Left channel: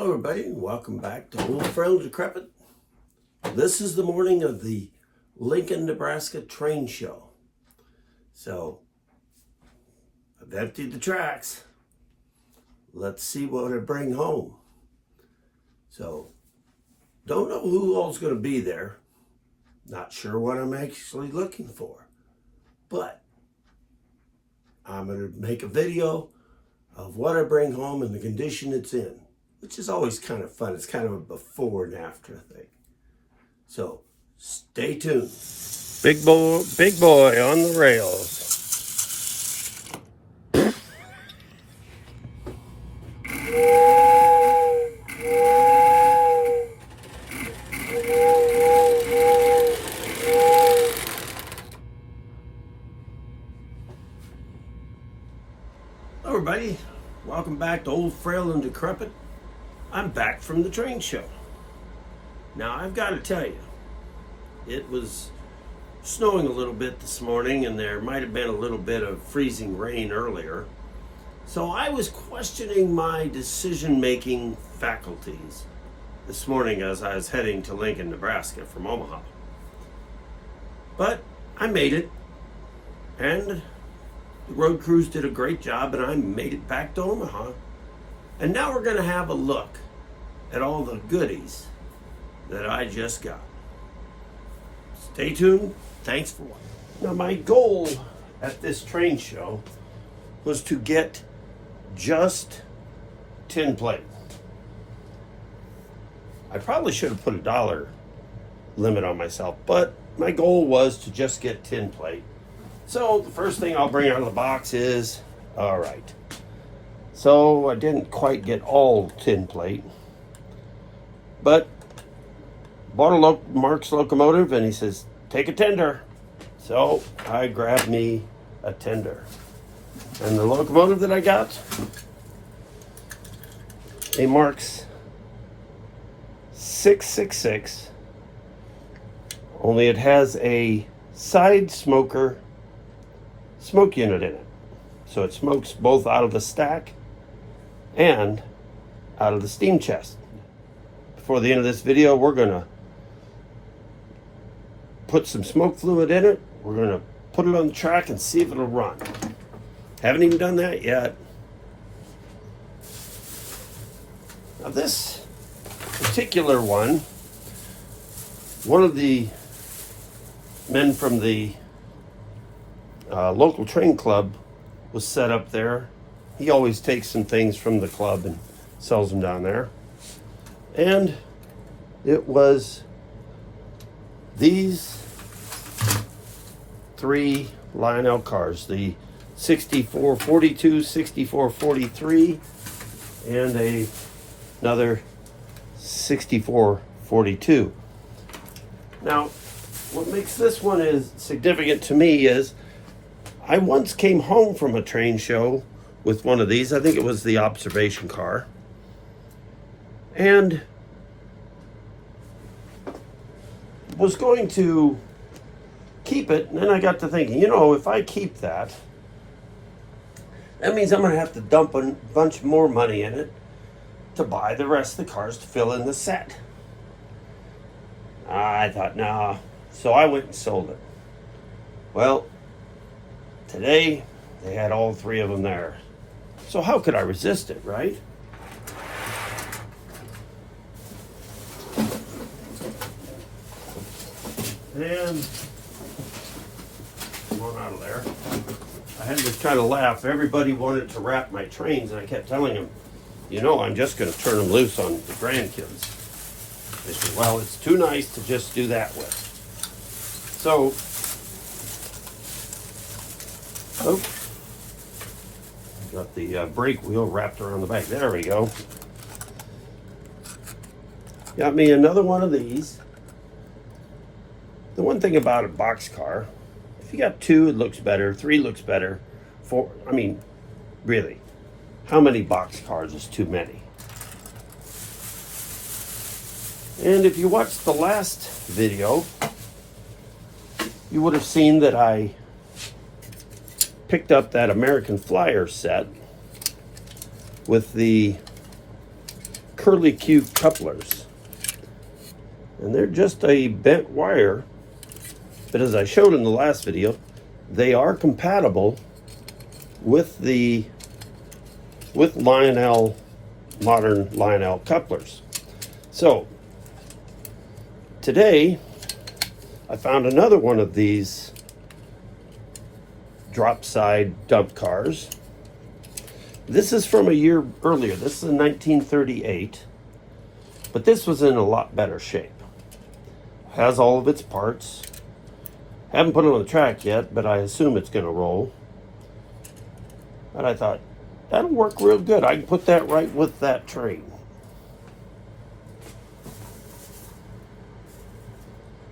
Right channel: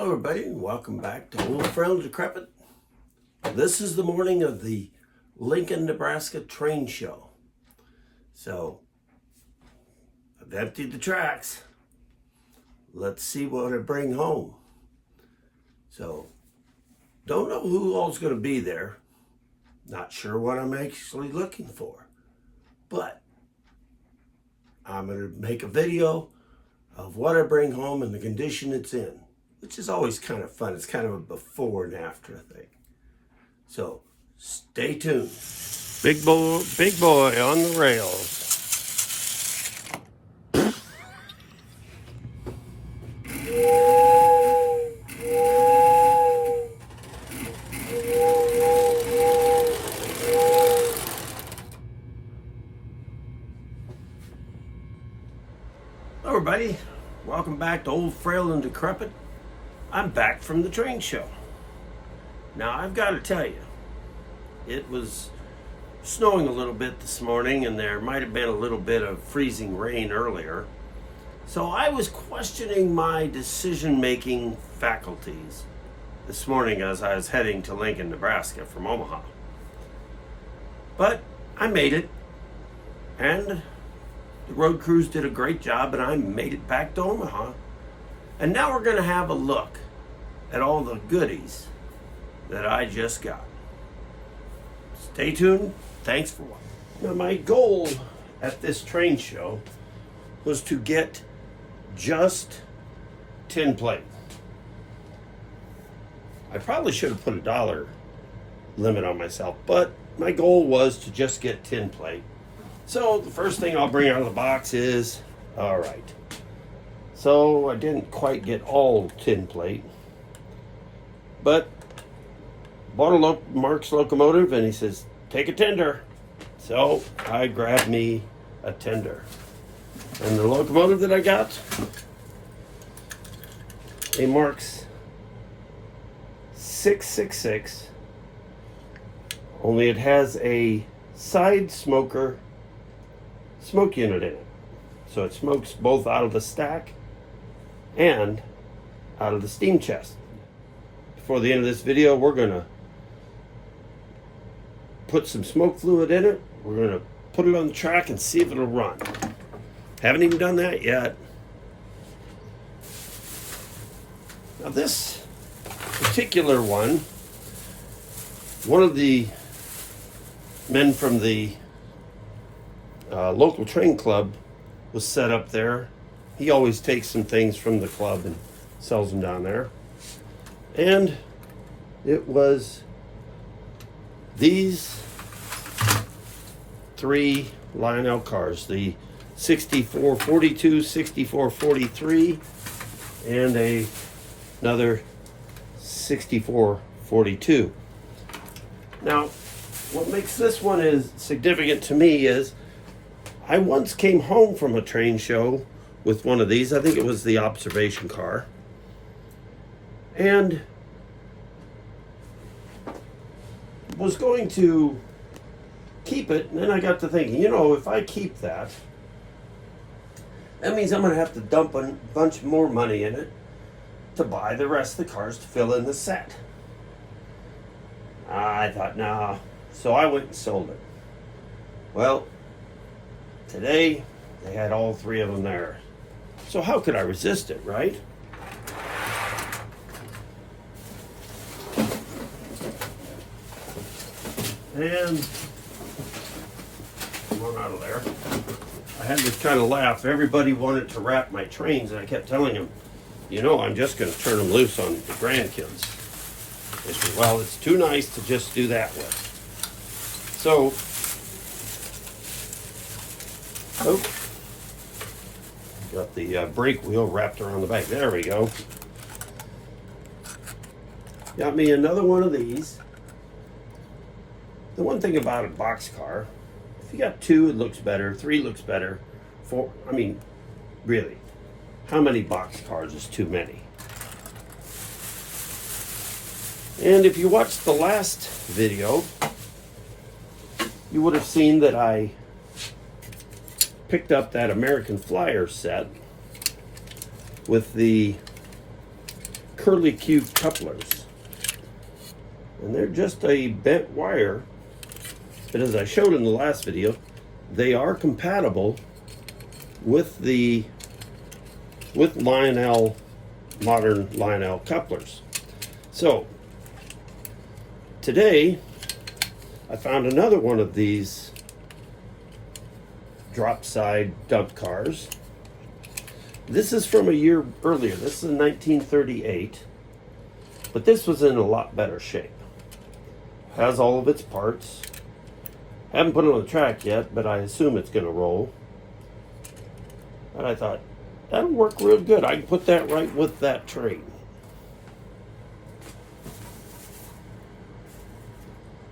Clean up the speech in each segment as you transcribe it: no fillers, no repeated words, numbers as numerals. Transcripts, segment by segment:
Hello everybody, and welcome back to Old Frail Decrepit. This is the morning of the Lincoln, Nebraska train show. So, I've emptied the tracks. Let's see what I bring home. So, don't know who all's going to be there. Not sure what I'm actually looking for. But, I'm going to make a video of what I bring home and the condition it's in, which is always kind of fun. It's kind of a before and after thing. So, stay tuned. Big boy on the rails. Hello everybody, welcome back to Old Frail and Decrepit. I'm back from the train show. Now I've got to tell you, it was snowing a little bit this morning and there might have been a little bit of freezing rain earlier. So I was questioning my decision-making faculties this morning as I was heading to Lincoln, Nebraska from Omaha. But I made it, and the road crews did a great job, and I made it back to Omaha. And now we're going to have a look at all the goodies that I just got. Stay tuned. Thanks for watching. Now, my goal at this train show was to get just tin plate. I probably should have put a dollar limit on myself, but my goal was to just get tin plate. So the first thing I'll bring out of the box is, all right. So I didn't quite get all tin plate, but bought a Marx locomotive, and he says, take a tender. So I grabbed me a tender. And the locomotive that I got, a Marx 666, only it has a side smoker smoke unit in it. So it smokes both out of the stack and out of the steam chest. Before the end of this video, we're gonna put some smoke fluid in it. We're gonna put it on the track and see if it'll run. Haven't even done that yet. Now this particular one of the men from the local train club was set up there. He always takes some things from the club and sells them down there. And it was these three Lionel cars, the 6442, 6443, and another 6442. Now, what makes this one is significant to me is I once came home from a train show with one of these. I think it was the observation car. And was going to keep it, and then I got to thinking, if I keep that, that means I'm going to have to dump a bunch more money in it to buy the rest of the cars to fill in the set. I thought, no. So I went and sold it. Well, today they had all three of them there. So how could I resist it, right? And one out of there. I had to kind of laugh. Everybody wanted to wrap my trains, and I kept telling them, I'm just going to turn them loose on the grandkids. They said, well, it's too nice to just do that with. So, got the brake wheel wrapped around the back. There we go. Got me another one of these. The one thing about a boxcar, if you got two, it looks better. Three looks better. Four, really, how many boxcars is too many? And if you watched the last video, you would have seen that I picked up that American Flyer set with the curly Q couplers. And they're just a bent wire, but as I showed in the last video, they are compatible with Lionel, modern Lionel couplers. So today I found another one of these drop side dump cars. This is from a year earlier. This is in 1938, but this was in a lot better shape. Has all of its parts. Haven't put it on the track yet, but I assume it's going to roll. And I thought, that'll work real good. I can put that right with that train.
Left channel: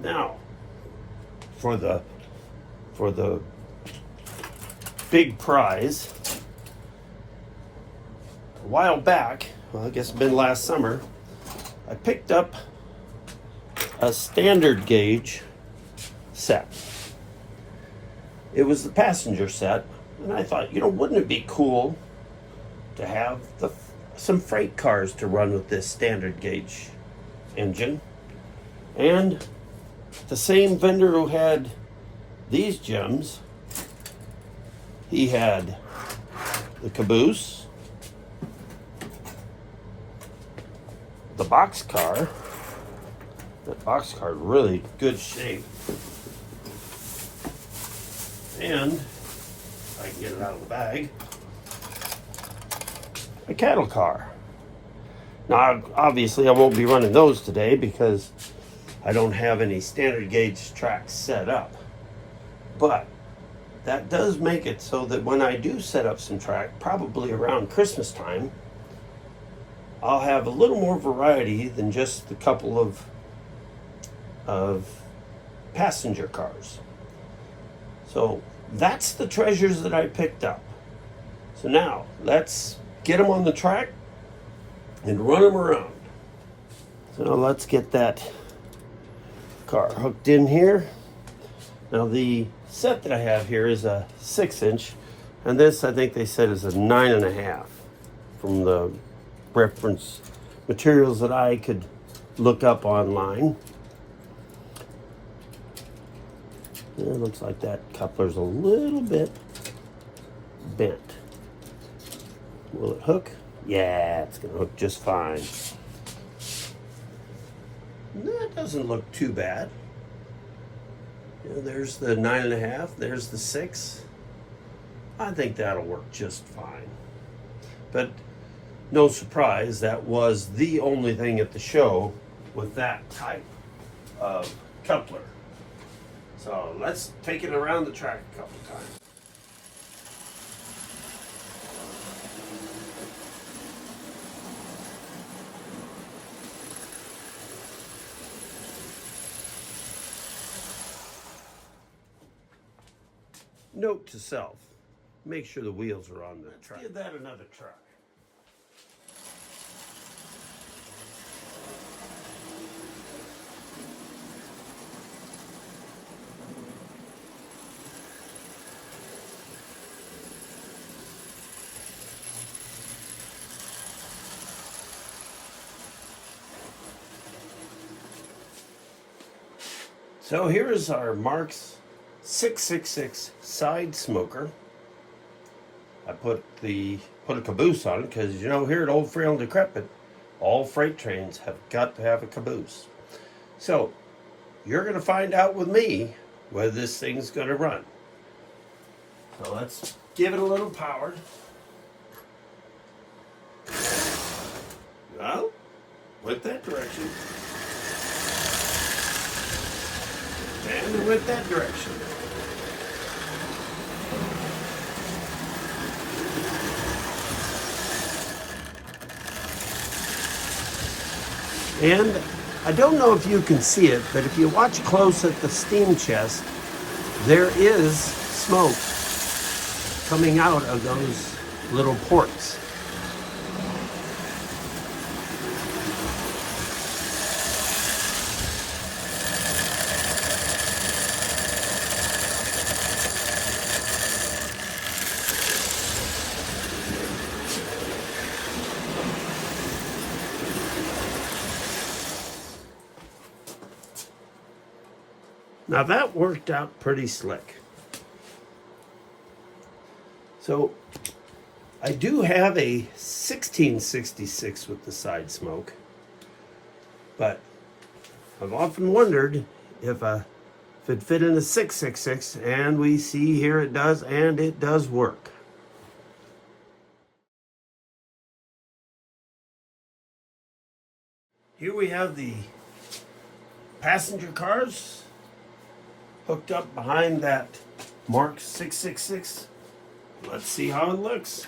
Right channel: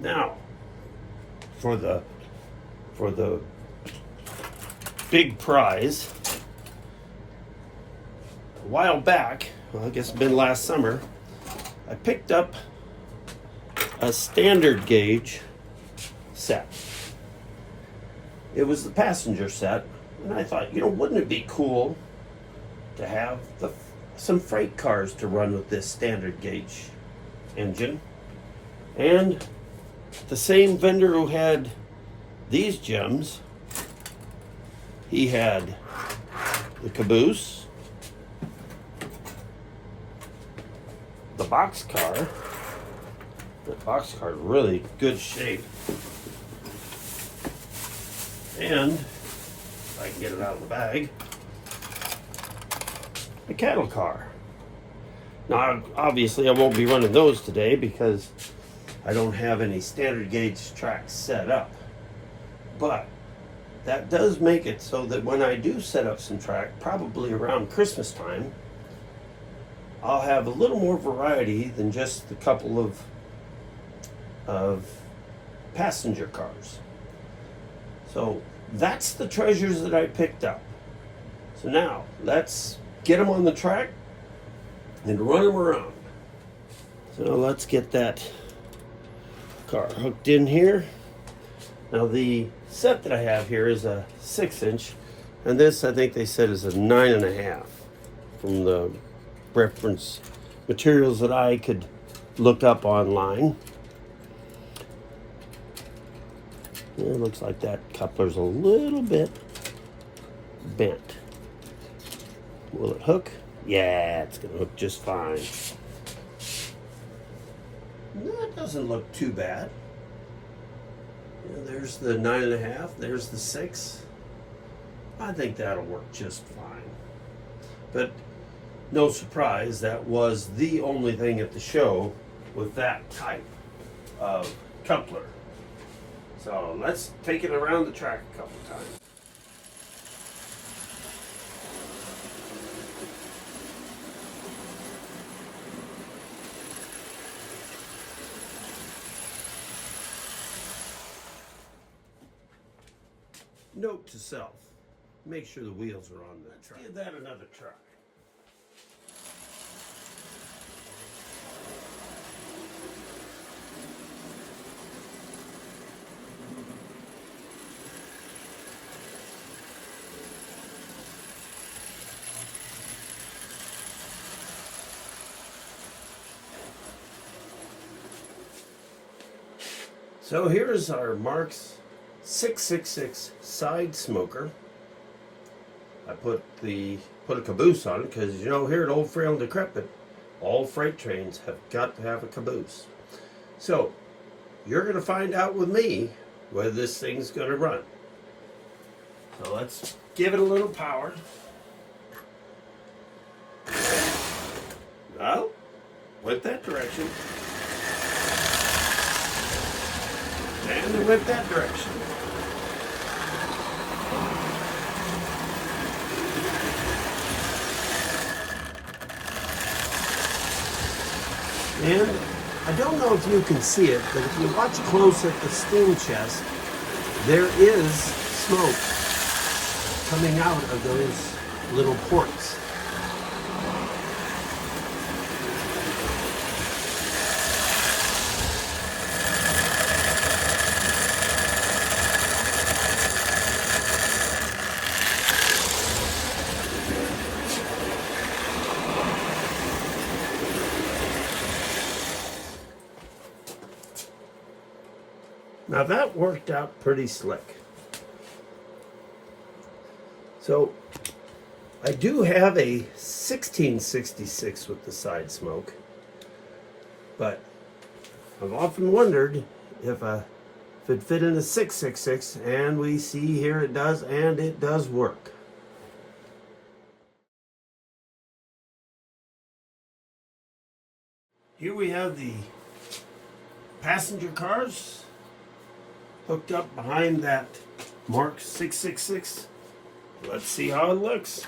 Now, for the big prize, a while back, well, I guess it's been last summer, I picked up a standard gauge set. It was the passenger set, and I thought, wouldn't it be cool to have some freight cars to run with this standard gauge engine? And the same vendor who had these gems, he had the caboose, the boxcar. The boxcar in really good shape, and I can get it out of the bag, a cattle car. Now, obviously, I won't be running those today because I don't have any standard gauge tracks set up. But that does make it so that when I do set up some track, probably around Christmas time, I'll have a little more variety than just the couple of passenger cars. So that's the treasures that I picked up. So now let's get them on the track and run them around. So let's get that car hooked in here. Now the set that I have here is a 6-inch, and this I think they said is a 9.5 from the reference materials that I could look up online. It looks like that coupler's a little bit bent. Will it hook? Yeah, it's gonna hook just fine. That doesn't look too bad. There's the 9.5, there's the 6. I think that'll work just fine. But no surprise, that was the only thing at the show with that type of coupler. So let's take it around the track a couple times. Note to self, make sure the wheels are on the track. Give that another try. So here is our Marx 666 side smoker. I put a caboose on it because here at Old Frail and Decrepit, all freight trains have got to have a caboose. So you're going to find out with me whether this thing's going to run. So let's give it a little power. Well, went that direction. And it went that direction. And I don't know if you can see it, but if you watch close at the steam chest, there is smoke coming out of those little ports. Now that worked out pretty slick. So I do have a 1666 with the side smoke, but I've often wondered if it'd fit in a 666, and we see here it does, and it does work. Here we have the passenger cars hooked up behind that Marx 666. Let's see how it looks.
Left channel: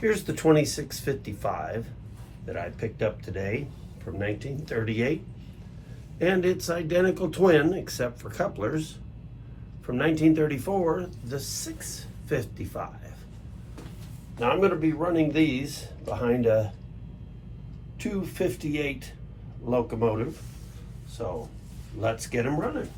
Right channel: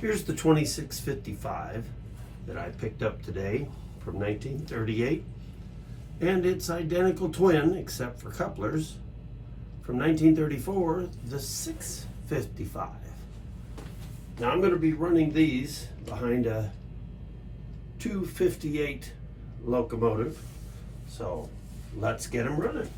Here's the 2655 that I picked up today from 1938, and its identical twin, except for couplers, from 1934, the 655. Now I'm going to be running these behind a 258 locomotive, so let's get them running.